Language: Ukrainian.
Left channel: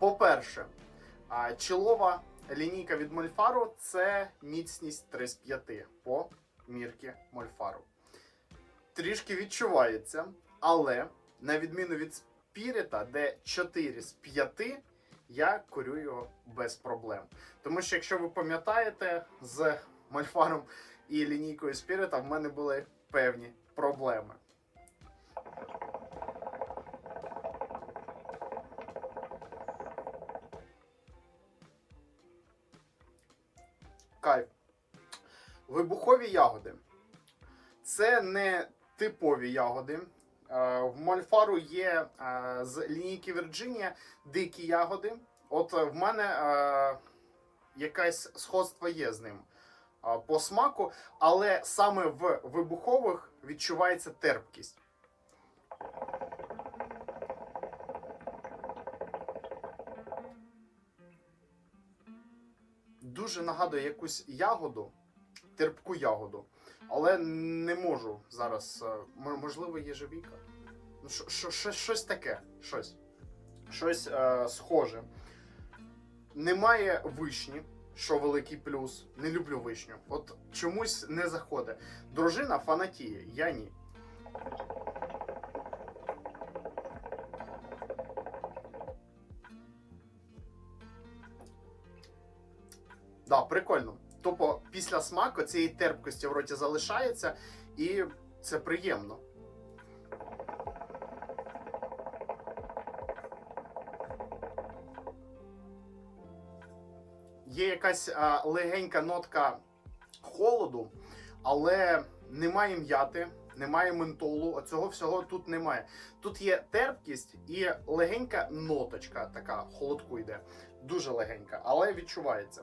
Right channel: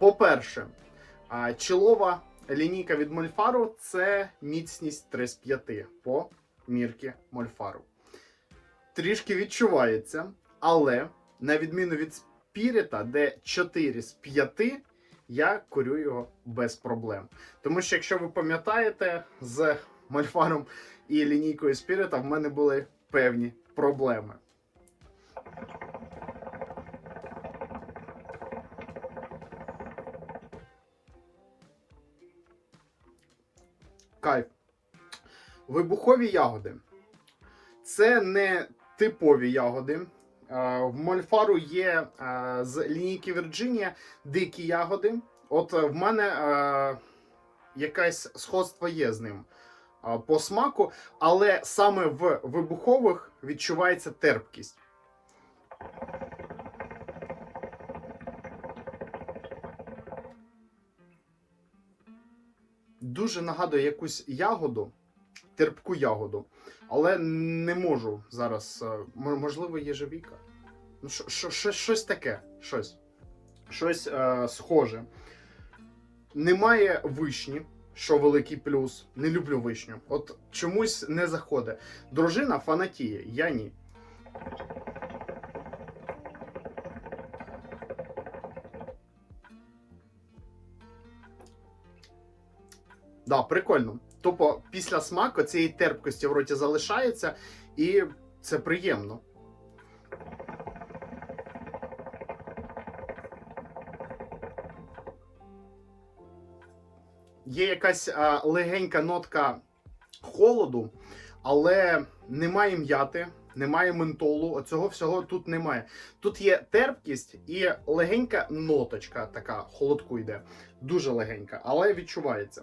По-перше, чолова лінійка від Мольфару це міцність 3 з 5 по мірки Мольфару. Трішки відчувається, але на відміну від Спіріта, де 4 з 5, я курю його без проблем. Тому що, якщо ви пам'ятаєте, з Мольфаром і лінійкою Спіріта в мене були певні проблеми. Кайф. Вибухові ягоди. Це не типові ягоди. Е, В Мольфару є е, з лінійки Вірджинія дикі ягоди. От е, в мене якесь сходство є з ним по смаку, але саме в вибухових відчувається терпкість. Дуже нагадує якусь ягоду, терпку ягоду, але не можу зараз. е, Можливо, єжевіка. Ну, що- що- що- щось таке. Щось. Щось е, схоже. Немає вишні, що великий плюс. Не люблю вишню. От чомусь не заходить. Дружина фанатіє, я ні. Да, прикольно. Тупо після смаку цієї терпкості в роті залишається, і це приємно. Є якась а, легенька нотка холоду, але немає м'яти, немає ментолу. Оцього всього тут немає. Тут є терпкість і легенька ноточка, така холодку йде. Дуже легенька, але відчувається.